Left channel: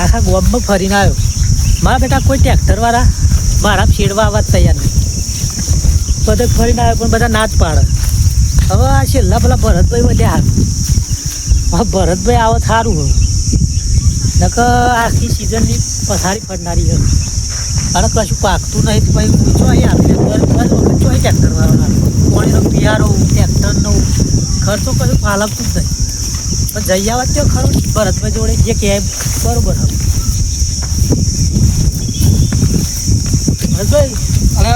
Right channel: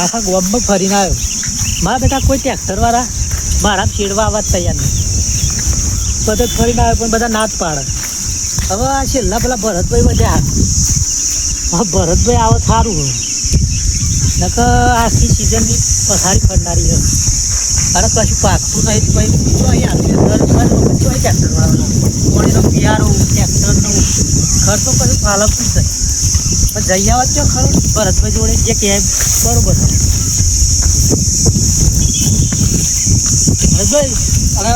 આખા ગામમાં ફરીને આવ્યો. મારા બેટા કોઈ ટ્રેક્ટરવાળા મારા છેડવા આવવા તૈયાર નહીં. બધે ફરીને આવ્યો પણ બધા ના જ પાડે. હવે આ છેલ્લા પેલા ભરતભાઈ વધ્યા હવે ભરતભાઈ આવે સારું હોય નકર આખી સિઝનની પથારી ફરનારી રહે. અને કશું પાકતું નહીં તો પછી જો અહીં આવે દર વખત જો અહીં ટ્રેક્ટરવાળો ના પાણીનો પિયારો ટ્રેક્ટરનો ખર્ચો કશું ફાલવતું જ નહીં. પણ જઈ આવવા તો ખરું ભરતભાઈ જોડે જે કહે બરોબર ભરતભાઈ. અરે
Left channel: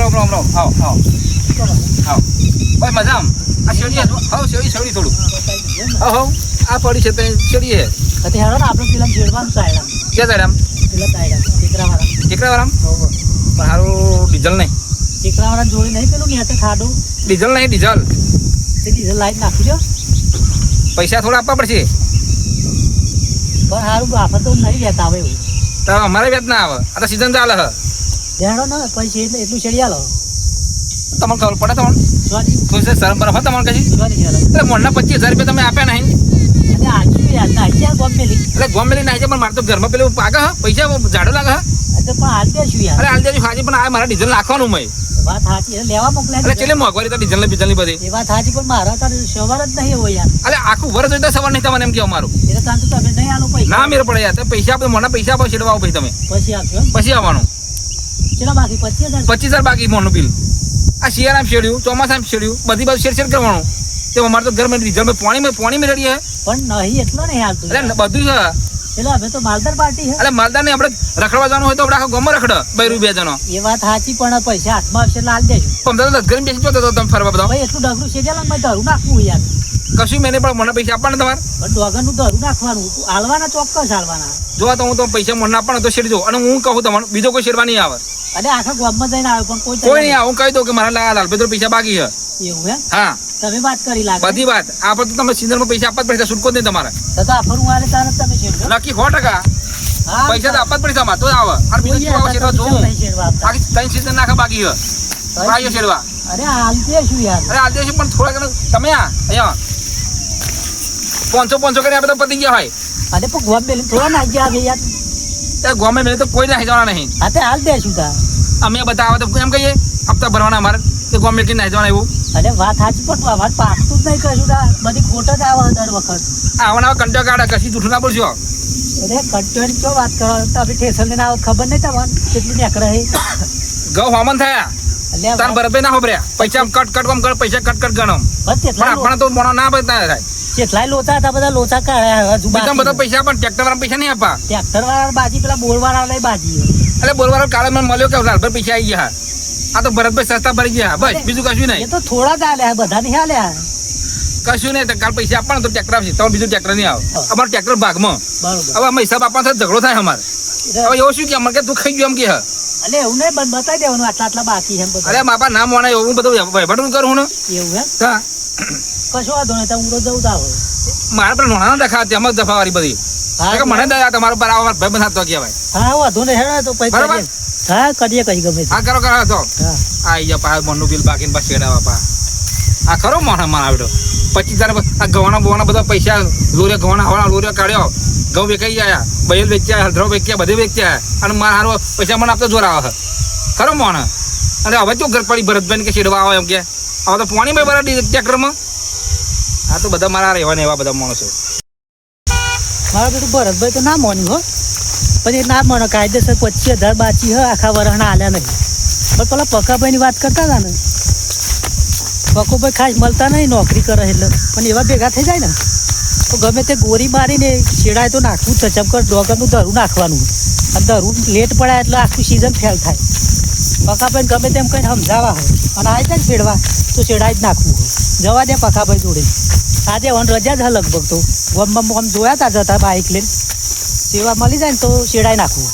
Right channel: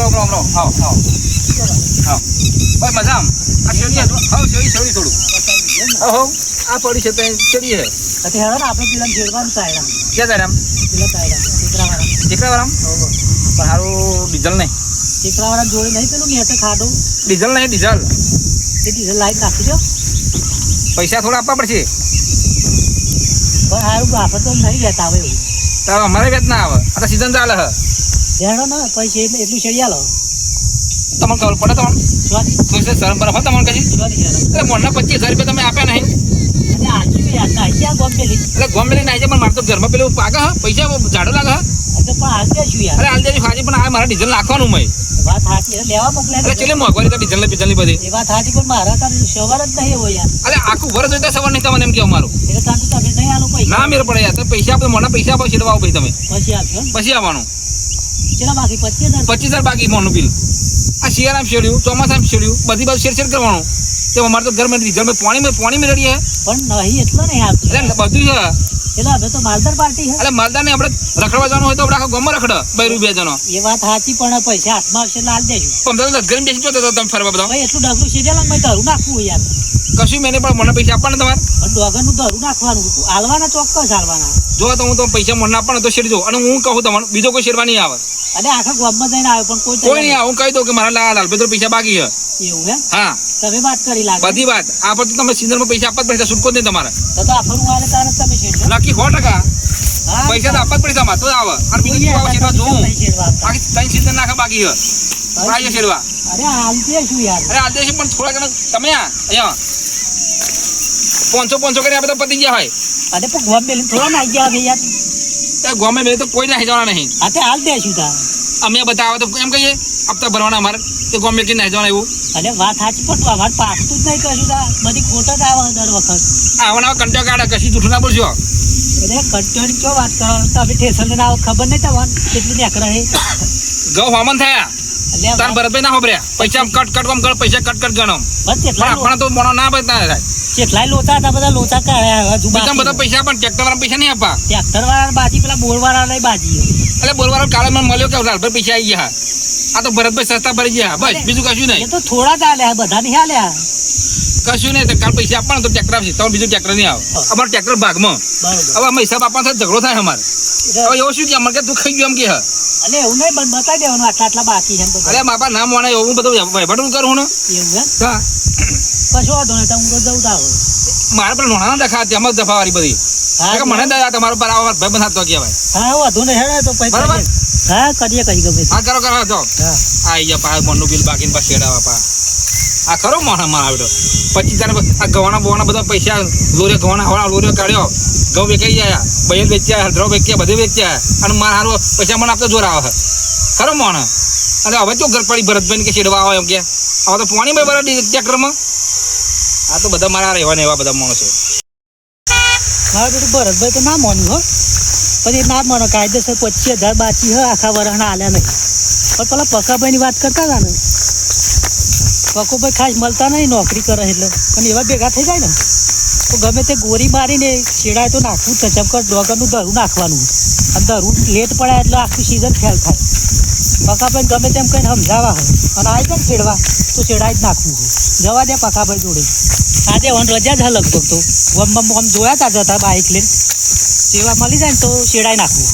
રામ રામ રામ આવો આવો આવો ભાઈ મજા આમ આ શેરી હા શેરી થોડું હા આ પડી છે ત્યાં શેરી હે પછી હેડો ને આપણે પેલા જેડવાનું સાયડા ક્યાં સાયડા પેલા સાયડા ટીકરાવાળા પણ સારું ડીઝલ નહીં ટીકરાવાળા જોડી નહીં પેલું ને ખાડો ડીઝલ નહીં ડીઝલ એ ડીઝલ લાઈટ નાખી દો. પૈસા થોડા આપવા પડશે પણ સારું આપણે તો નહીં વેતા આવે એવું તો અમારે વેત ના આવે આ તો સિઝન ચાલે હ હેડો ને પછી એટલું શેડિયા લો તમને ખબર પડે તમને શરમ બરફ તમને કશી એટલે મોડના 25,000 રૂપિયા તમે આપ્યા નહીં એટલે ગોમેલી નાખી પણ મારે તો ઘરમાં પેલું પાકે હ પૈસા ઝાડો લાગે અરે હાલ દેજો હાજી પણ આ મારા ડીઝલ નાખવાનું મેં વાત સાચી લેવા મોકલ્યા એટલે ચેલે મોંઘવારી તો ડીઝલ ની બધી એ વાત સાચી પણ મારા તાર સવાર જ નહીં હોય યાર. અરે આખું વર્ષ એટલે સવાર નહીં તમને એમ કે અમારું એટલે તાર તો તમે નહીં આલો પૈસા ના મેર પડે યાર તો પૈસા આપો મોના પૈસા આપો છેડવા આવો ભાઈ તમે પછી આપજો પછી આવવાનું ચલો બાકી 25,000 બાકી મોનું બિલ આ શિયાળામાં શેડ્યું ચોમાસામાં શેડ્યું બધી બાજુ શેડ કરવાનું તે અમારે તો ઘરમાં ડીઝલ પાણી મેં રડીએ પણ નહીં એટલો નહીં આવતું એટલે બધું છે એટલે હવે તો માલદાર પાર્ટી છે એટલે માલદાર ને આપણે રખડવા જવાનું હોય તો આપણે આખો ગમો રખડ 2 રૂપિયા જનો એ વાત સાચી પણ પૈસા હાથમાં આવશે લાલ દેજો 15 ઘર બેસી જોતો તો તમે ફરવા બધા ભાઈ એટલું ડગરું શેડિયાલા મેં ધરું નાખવું યાર કશું મેં પણ મને પૈસા આપવાના તમારે પણ ડોગરનું ધરું નાખવાનું હાલવાના ચોક્કસ હાલવાના જો તો હું તો પૈસા મને આપવાનો તો શેડજો અને હું કહું તમને બીજો કોઈ શેડવા નહીં આવે અરે આખા ગામમાં જઈને આવે પણ કોઈ નહીં આવે હું કહી દઉં કે મારા લાલપેત્ર પૈસા બાકી છે એવું હે હા તમે વાત કરી લાગે બધી વાત આ પર તો તમે સિઝનમાં પૈસા આપવા જ પડશે છૂટકો જ નહીં તમારે તો આપણું વાલે તારે તમે શેડજો નક્કી 100% પૈસા તો આપવા જ પડશે અમારે તો આવે અને બીજું શું આવે શેડવા જોઉં બાકી 3 સિઝન નાખા બાકી છે ભાઈ શેડવા અરે હાલ શું યાર અરે આજે પણ થોડા ઘણા તમે અહીંયા 500 કરીને આપણે તો પતી ગયા હોય અરે પણ ગોમ બેલી થોડા નાઈ ગયા હવે યાર ત્યાં ગોમે મેં તો કોઈ નાહી જવાના નહીં હા તે હાલ દેશું તા અમે બતાવે તો એમ કહીએ હપ્તા ભરવાના અમારે કે ગોમે કે નાહી જવાના એવું અરે વાત સાચી પણ અમારે પાકતું જ નહીં કશું તા બધી ખોટ જ આવે દર વખત આવા કંટા કાઢે કશી જૂઠું ના બોલશો અરે કંટોની ચો વાત કરો તમે ઠેસલ ને આવો ખબર નહીં તમને કેટલું નીકળે છે ગૌ હવામાન થયા તાર બરબે ના હોબર્યા પૈસા કટ કોમ કર પૈસા કટ ગણો પણ આપણે તો મોણો ના બતા થાય કેટલાય લોચા હતા બધા લોચા કાઢ્યા હજુ બધા પૈસા પણ ટ્રેક્ટર વાળા પૈસા નહીં આપવા ટ્રેક્ટર વાળા બાજી પેલા બોર વાળા લઈ બાજી એટલે બોર વાળા કાલે મને મળ્યો કે લાલભાઈ પૈસા આવી ગયા આ તો ભરતભાઈ સસ્તા ભરી ગયા બસ બીજું કશું નહીં એ તો થોડા જ આલ્યા બધા નહીં આલ્યા કશું નહીં કાલ પૈસા આપવાના તો ટ્રેક્ટર આવશે તમે બીજું ટ્રેક્ટર નહીં આવે અમારે ટ્રેક્ટર ભાગમાં હવે અમે હિસાબ આપવાનો ઝઘડો થાય અમારે હવે એવું શું કે અમારે કે તું ખાઈ ગયો એમ કે એટલે એવું નહીં બતાવી દેવાનું આટલા આટલા બાકી છે અરે માપા ના મોને એવું બધું વહીવટ કરું ને એવું હે હા કશો વાંધો નહીં હું તો જવું તાવ મારે પેલા નોણા ના દેખા તેમ જ દફાવાળી બધી મને દયા તમારો બરાબર ભાઈ બંધ તો કહેવાય હા વાંધો નહીં હેડો તો બરાબર હા કરીએ કઈ ગમે હા કરો તો આ ગયા પા મનનું બિલ બાકી પાછું શેડાવા પા આ ખરો મોણા માં આવ્યો 25,000 આ ગવાના બોવાના બધા પૈસા લોરિયા ગવાના હવાના લોરિયા કાઢ્યો ઘઉં વેચાઈ જાય બહેલ વેચ્યા હળદરો વેચ્યા બધે વેચ્યા અને મારા હારો પૈસા મને આપતો જોર આવે ખરો મોણા અરે હવે જો ઘર પડી ભરતભાઈ કે શેડવા આવે એમ કે હવે તો પાણી ભાઈ બરાબર ટ્રેક્ટરમાં આ તો બધા મારા રહેવાના એવા બધા માણસો મારા બેટું ભરતભાઈ તો ના માન્યું હો પછી ના માનો કાયદેસર 25,000 બાકી હ આખા વરહના આલ્યા નહીં પણ પેલા પકાભાઈની વાત કરતા હતા ને પકોભાઈ ખાસ મળતા નહીં નોકરી કરે એટલે પણ એવા ભેગા થઈ જાય ને તો ગમે તે ગોરી મારીને શેડાય તો નાખવું જ ચમકર ડોગરનું ધરું નાખવાનું અને ધરું લેટ પડાય એટલે આખું સિઝન ફેલ થાય પકાભાઈ ગમે તેમ કંઈ સમજાવવા હોય અને આવી જાય શેડવા તો શેડાય જ નાખવું હોય જવા દે પકાભાઈ જોડે આજે વન રજા જ લગભગ તો આમ જોયા હતા જતા બાઇક લઈને સેવા મળી જાય ને તો શેડાઈ નાખવું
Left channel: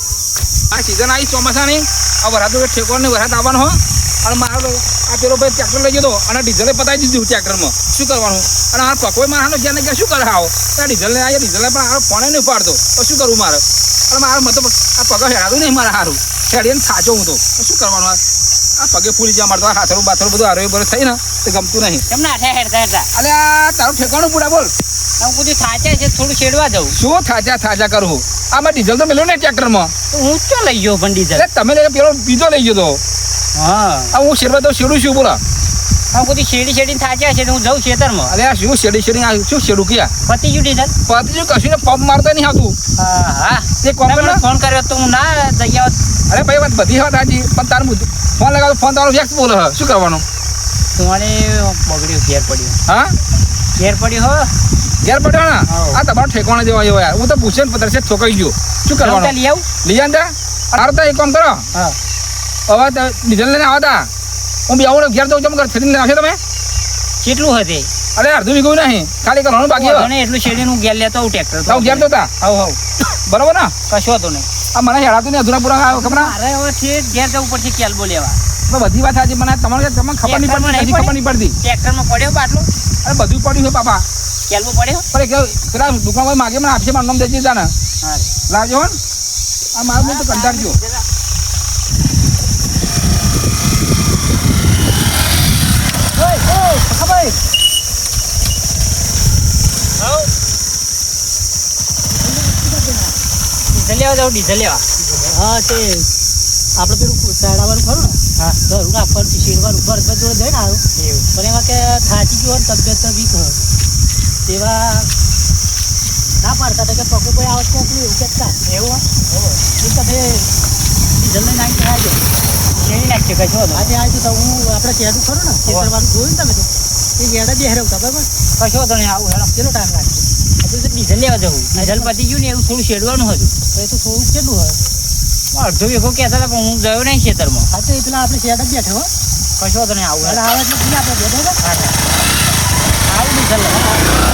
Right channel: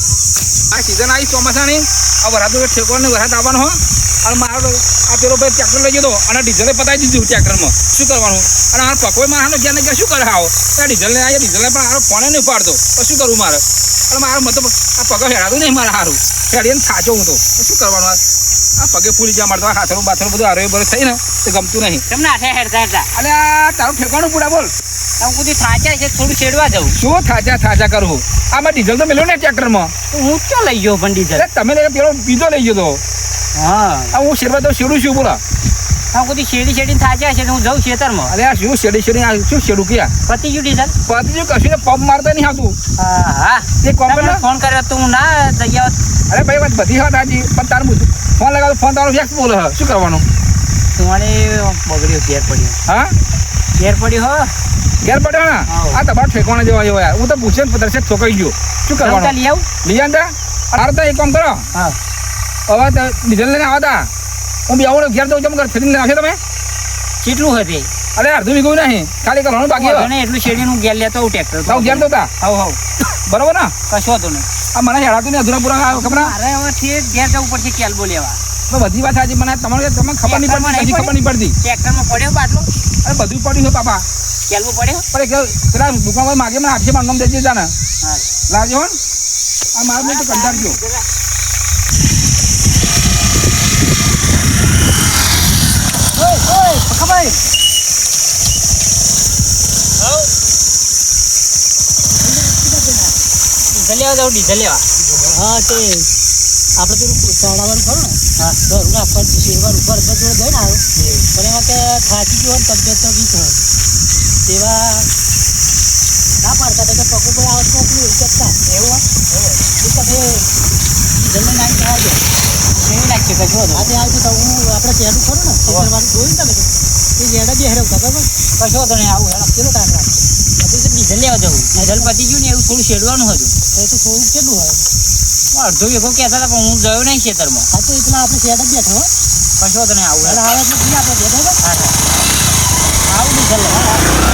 આ સિઝન આવી ચોમાસાની આ વરાત ઠેકોને વરાત આવવાનો હો અને મારો આ પેલો ભાઈ ટ્રેક્ટર લઈ ગયો અને ડીઝલે પતાવી દીધું ટ્રેક્ટરમાં શું કરવાનું અને આ પકોઈ મારાનો ક્યાં ને ક્યાં શું કરે આવો ત્યાં ડીઝલને આવ્યો ડીઝલને પણ આ ફોને નહીં ઉપાડતો તો શું કરવું મારે અને મારો મતલબ આ પગો હેરાતું નહીં મારા સારું હેડીને થાચો હું તો શું કરવાનું આ પગે ફૂલી ગયા મારે તો હાથરું બાથરું બધું હારે બરે થઈ ને તો ગમતું નહીં કેમ ના હેડ કરતા અલે તારું ઠેકાણું પૂરા બોલ આમ કુદી થાચા છે થોડું છેડવા જવું શું થાચા કરું આમાં ડીઝલ તો મેળ્યો ને ટ્રેક્ટરમાં. તો હું તો લઈ ગયો પણ ડીઝલ એટલે તમે પેલો બીજો લઈ ગયો તો હા હું શેરવા તો શેડું છું બોલા. આમ કુદી શેડી થાચા છે તો હું જાઉં ખેતરમાં. અરે આ શું શેડી આ શું શેડું ક્યાં પતી ગયું ડીઝલ. પતિ કશું ને પંપ મારતા નહીં આવતું. હા હા તે કોમ કર ને. ફોન કર્યો તો હું ના જઈ આવત. અરે ભાઈ વાત બધી વાત સાચી પણ તારું ફોન લગાવો ફોન તારો વ્યક્ત બોલે શું કરવાનું. તમારે બગડ્યો ઘેર પડ્યો. હા ઘેર પડ્યો હો ઘેર પડ્યો ને આ તમારો ઠેકાણા જેવા એવો યાર હું તો પૂછે ને પતરસે ઠોકાઈ ગયો શું કરવાનું. લઈ આવું લઈ આંદા અરે તો એક કામ કરો હા હવે ડીઝલ લઈને આવતા હું બી આવું ઘેર જવું જમ કર થઈને આવશે તમે. કેટલું હશે અરે અડધું વીઘું નહીં ખાલી કરવાનું બાકી ને એટલું શેડી નું ઘેર લેતો આવું ટ્રેક્ટર તો ઘેર જોતા હવ બરોબર ને કશો હતો ને આ મને હેરાતું ને અધૂરા પૂરા ખબર મારે હવે છે ઘેર જવું પડશે કેલ્બો લેવા. બધી વાત સાચી મને તમને ખબર નહીં પડતી ટ્રેક્ટરમાં પડ્યો બાટલો અરે બધું પડ્યું છે પાપા કેલ્બો પડ્યો પણ એક પેલા દુકાનમાં માગે મને આપશે મારું નામ દેજે જા ને હા લાવજો હો આ મારું મોટું કંટાળજો. ડીઝલ લેવા જાઉં ડીઝલ લેવા. હા તે આપણે પેલું ચાડાવાનું ખરું ને હા ઘરું રાખવાનું શેરવાનું ઘર જોડે જઈને આવ્યો પણ એમાં કે થાકી ગયો ને તબિયત તો વીક હોય તેવા ના પાડતા કે પકુભાઈ આવે ચોકલું એવું કહેતા એવું એ તમે જલ્દી નાઈ આવજો કેવી નાખશે કશો હતો આજે આવ્યું તો હું આપણે ચેડું ખરું ને ખેતરવાનું જોયું ને તમે એ જેડા બે હેરવતા બરાબર કશો હતો ને આવું હેડો કેટલો ટાઈમ લાગશે હજુ તો ડીઝલ લેવા જવું ડીઝલ પતી ગયું ને એવું થોડું શેડવાનું હતું એ તો થોડુંક કેટલું હોય અડધો વીઘો કહેતા હતા પણ હું ગયો નહીં ખેતરમાં. હા તો એટલા આપણે શેડા બેઠા હો કશો હતો ને આવું એટલે આવે એટલે નહીં આપણે બેઠા આવું ડીઝલ લેવા.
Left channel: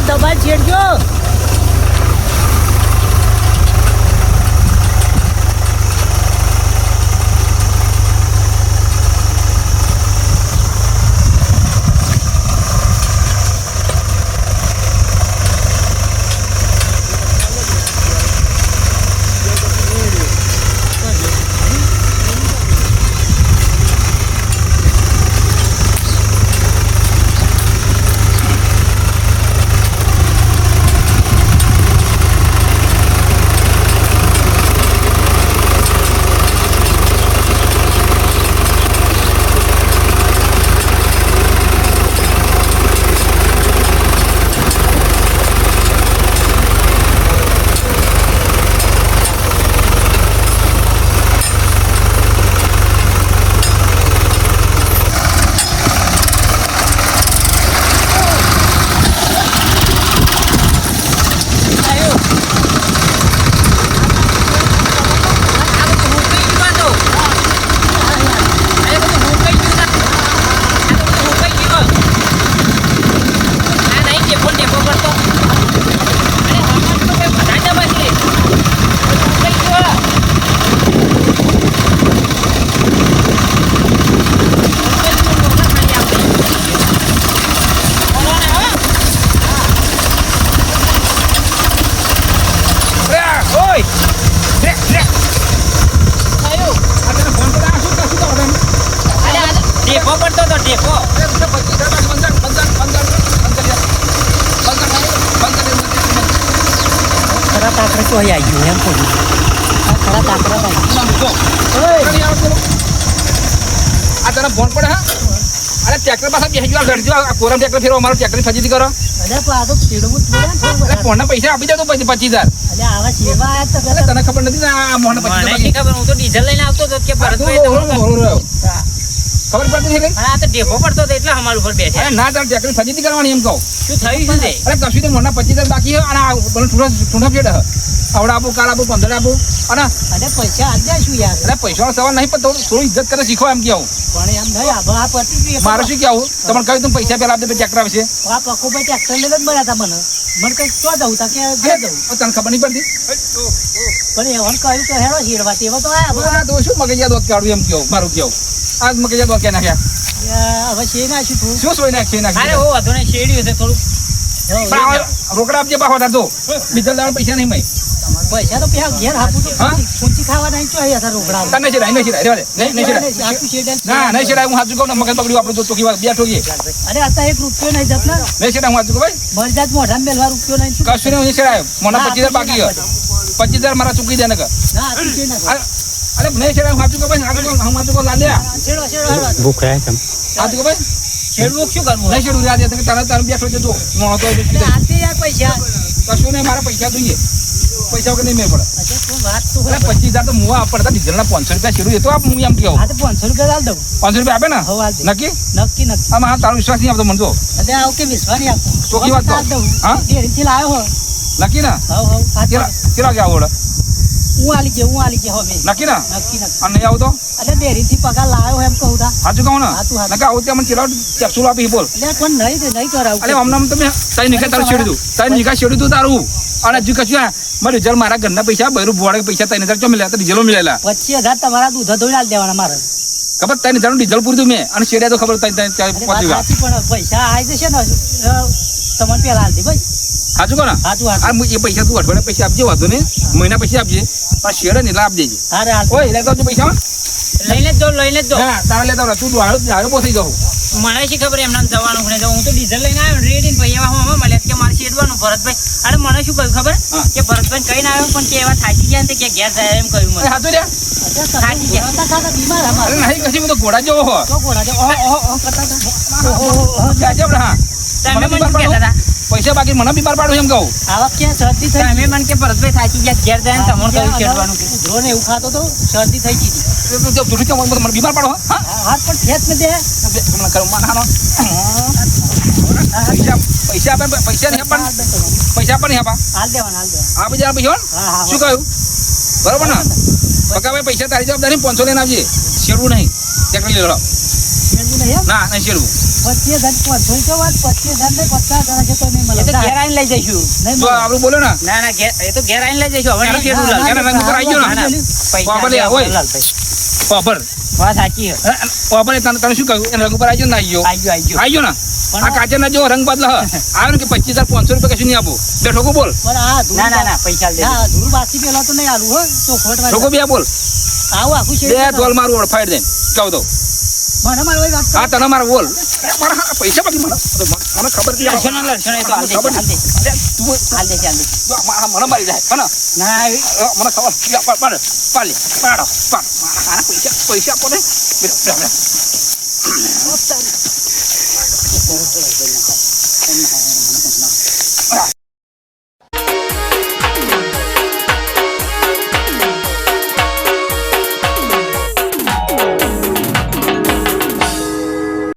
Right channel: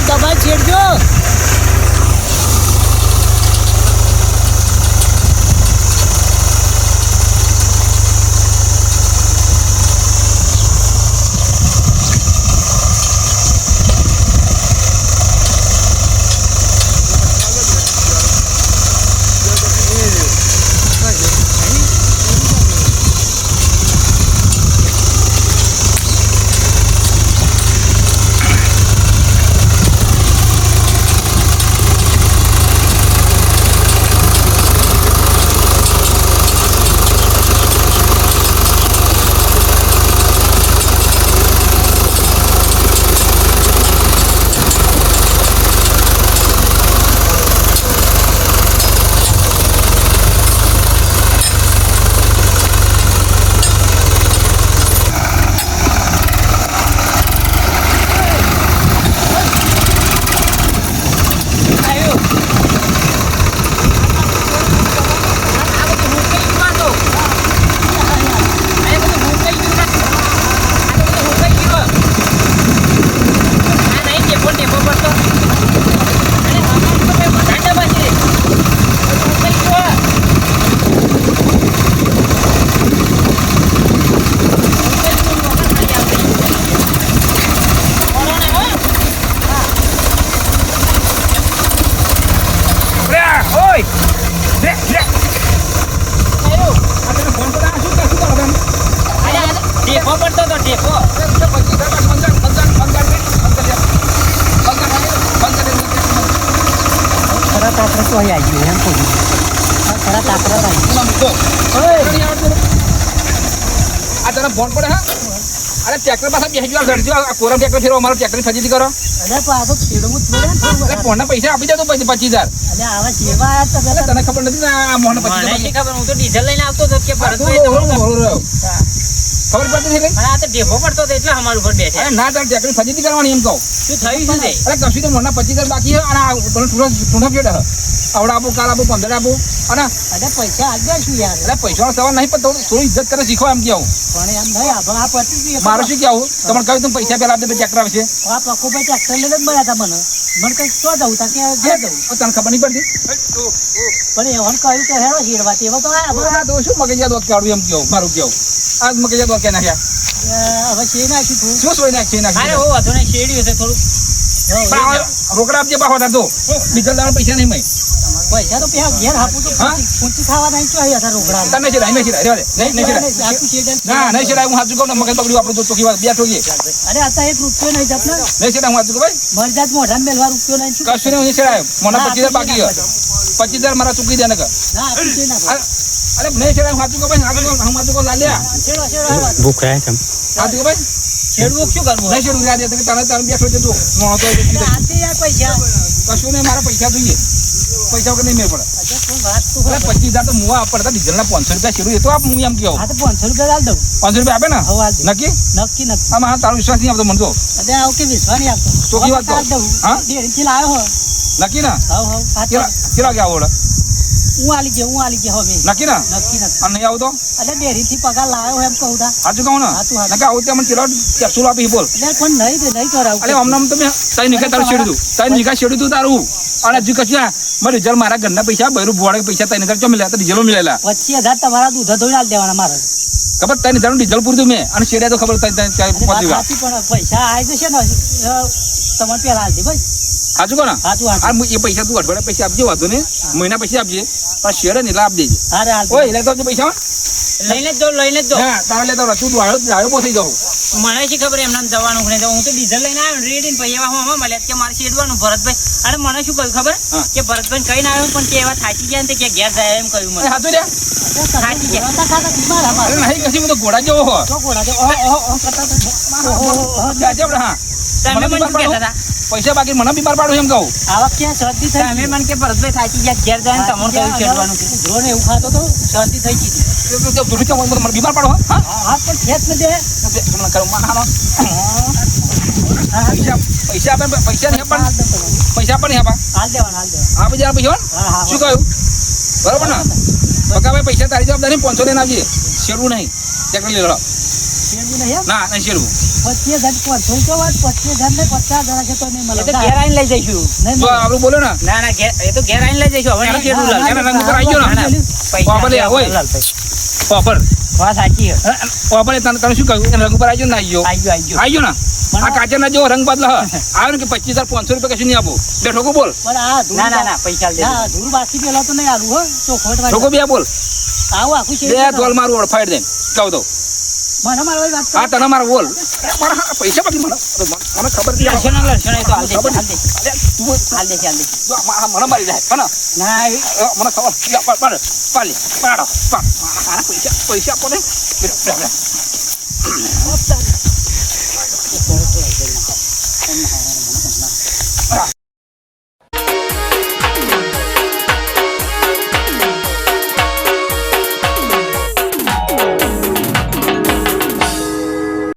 દબાઈ છેડજો ટેપો પડતો તો ટેપો ખરા તાકરા તો અહીં આવી ગયું એમ કહું ખરા તાકરા આવી આ તને ફોન પડે હા અરે ટ્રેક્ટર પાસે બેસી ગયો ઘરજો આ કોરમ ટ્રેક્ટર ફેરવો અમારો ટ્રેક્ટર ફજીતી કરો અરે પણ આ તો છેડવું જ પડે ને થોડું એટલે ફોનના પૈસા આપી દે તો પછી 25000 એટલે આવા છેડવા આવ્યા તો એટલે તને ખબર નથી ને આ મોહન મને 25000 નથી ખબર હું તો ડીઝલ લઈને આવતો હતો કે તું ભરતભાઈ બોલો રહ્યો ખબર પડતી નથી પણ આ તો ઢેફો પડતો હતો એટલે અમારા ઉપર બેઠા અરે ના તારે ટેકરી ફજીતી કરવાની એમ કહું શું થયું શું છે અરે કશું તો મોના 25,000 બાકી છે અને આ ટૂંડા ફેડ આવડા આપો કાલ આપો 15 આપો અને અરે પૈસા આજ દઈશું યાર. અરે પૈસાનો સવાલ નહીં પણ થોડું ઇજ્જત કરે શીખો એમ કેવું પણ એમ નહીં આ પતી ગયું. મારું શું કેવું તમને કહ્યું તું પૈસા પહેલા આપી દે ટ્રેક્ટર આવશે આ પકોભાઈ ટ્રેક્ટર લઈને જ મળ્યા હતા મને કઈ તો જવું તા કે ઘેર જવું. તને ખબર નહીં પડતી પણ એવાનું કહ્યું કે હેરો હીરવા તેવા તો આ તો શું મગજિયા દોત કાઢું એમ કેવું મારું કેવું આ મગજિયા દોત કે નાખ્યા હવે છે નાખ્યું થોડું. શું સોય નાખી અરે નાખી ઓ વાંધો નહીં શેડ્યું છે થોડું રોકડા આપજે બાહો તાર તો બીજા દાડા પૈસા નહીં મય પૈસા તો પેલા ઘેર આપું તો હા? પૂંચી ખાવા નહીં ચોઈ હતા રોકડા. તને છે નહીં છે રેવા દે નહીં છે આપું છે ના નહીં છે હું હાથ ચૂકવ મગજ બગડ્યું આપણે તો ચોકી વાત બે ઠોકીએ અરે અત્યારે 1 રૂપિયો નહીં જત ને નહીં છે હું હાથ ચૂકવ ભાઈ મરી જાત મોઢામાં મેલવા રૂપિયો નહીં શું? કશું નહીં છે મને 25,000 બાકી છે 25,000 મારા ચૂકી દે ને કે ના આપું છે ના અરે નહીં છે હું હાથ ચૂકવ ભાઈ હું હાથ ચૂકવ લાલ્યા છેડો છેડો ભૂખ રહ્યા છે હાથ ચૂકવ ભાઈ શેડવું શું કરવું નહીં છેડું રહ્યા દે તને બેઠો છે તું મોણો તો આપી યાર પૈસા. કશું નહીં મારા પૈસા જોઈએ પૈસા વગર નહીં મેળ પડે અચ્છા શું વાત તો અરે 25,000 તો મુવા પડતા ડીઝલના 500 રૂપિયા છેડું એ તો આપ હું એમ કહું હા તો 500 રૂપિયા આલ દઉં. 500 રૂપિયા આપે ને હવે આલ દઉં. નક્કી નક્કી નક્કી. આમાં તારો વિશ્વાસ નહીં આવતો મને તો અરે આવું કે વિશ્વાસ નહીં આપતો. ચોખ્ખી વાત કહું. આલ દઉં. હા? ડેરીથી લાવ્યો હો. નક્કી ને હવ કેટલા કે આવડે હું આલી ગયો હવે નક્કી ને નક્કી નક્કી. અને નહીં આવતો એટલે ડેરીથી પગાર લાવ્યો એમ કહું તા. સાચું કહું ને સાચું, સાચું. નકા આવું ત્યાં મને કેટલા કેપ્સ્યુલ આપી બોલ એટલે પણ નહીં કરાવું. અરે અમને તમે તારી નિકાય તારું છેડ્યું તારી નિકાય છેડ્યું તું તારું અને હજુ કશું મારે રિઝલ્ટ મારા ઘરના પૈસા બૈરું ભોળે પૈસા 3,000 ચો મળ્યા તો ડીઝલો મળેલા 25,000 તમારા દૂધ ધોઈને આલ દેવાના મારે. ખબર 3,000 ડીઝલ પૂરું મેં અને છેડ્યા તો ખબર અરે વાત સાચી પણ પૈસા આવી જશે ને તમને પેલા આલ દે ભાઈ. સાચું કહો ને સાચું આ સાચું. એ પૈસા તું અઠવાડિયા પૈસા આપજે વાંધો ને મહિના પૈસા આપજે પણ શેડે ને એટલે આપ દેજે હારે હાલ. ઓય એટલે તો પૈસા લઈને જ દો હા તારે લેતા તું ડાળો બહુ થઈ જાઉં મને શી ખબર એમને જવાનું ને હું તો ડીઝલ લઈને આવ્યો રેડી પૈસા હું મળ્યા કે મારે શેડવાનું ભરતભાઈ અરે મને શું કહ્યું ખબર હા. કે ભરતભાઈ કઈ ના આવ્યો પણ કે એવા થાકી ગયા ને તે કે ઘેર જાય એમ કહ્યું મને સાચું રહ્યા અચ્છા, તમે ઘોડા ખાતા બીમાર અરે અમારે. નહીં કશું હું તો ઘોડા જેવો હો તો ઘોડા છે. ઓહો કરતા હતા. ઓહો. જાજે આપણે હા તમે મને મને બીમાર શું કહેતા પાડો હતા પૈસા બાકી મને બીમાર પાડો એમ કહું આવા ક્યાં શરદી થઈ તમે મને કે ભરતભાઈ થાકી ગયા ઘેર જાય ને તમને કહ્યું શેડવાનું કે ઉધરો ને એવું ખાતો તો શરદી થઈ ગઈ હતી. મને બીમાર પાડો હા હાથ પણ ખેંચ ને દે. મને કરો માનહાનો પૈસા આપે પૈસા નહીં આપણ હાલ દઉં તમને. પૈસા પણ નહીં આપા હાલ દેવાના હાલ દેવાના. આપી જરા પૈસા હા હા શું કહ્યું બરોબર ને બકા ભાઈ પૈસા તારી જવાબદારી 500 લઈને આવજે શેડવું નહીં ટ્રેક્ટર લઈ લો શેરડી નહીં એમ? ના નહીં શેડવું 25,000 500 તો વાત 25,000 ને 50,000 છે તો નહીં મળે. એ તો ઘેર આવીને લઈ જઈશું નહીં જો મળે. આપણું બોલો ને ના ના ઘેર એ તો ઘેર આવીને લઈ જઈશું હવે નહીં શેડવું લાલ એના રંગ ઉપર આવી ગયો ને વાપર લે, ઓય. વાપર વાત સાચી છે વાપર તને શું કહ્યું એના રંગ ઉપર આવી ગયો ને આવી ગયો આવી ગયો આવી ગયો ને આ કાચર ના જો રંગ બદલ આવ્યો ને કે 25,500 રૂપિયા કશું નહીં આપો બે ઠોકો બોલ પણ આ ધૂળ ના ના ના પૈસા લઈ ના, ધૂળ બાસી પેલા તો નહીં આલું હો ચોખવટ વાળી. ઠોકો બે બોલ આવું આખું છે બે તોલ મારું ઓળફાઈ દે કહું તો મને મારો વાત હા તને મારો બોલ મારા પૈસા બાકી મને મને ખબર નથી લડશો ને લડશો ને એ તો હાલ દે ખબર હાલ દે અરે તું હાલ દે હાલ દે જો મને મારી જાય પણ ના મને ખબર પાડે પાડો પાડ પૈસા આપો ને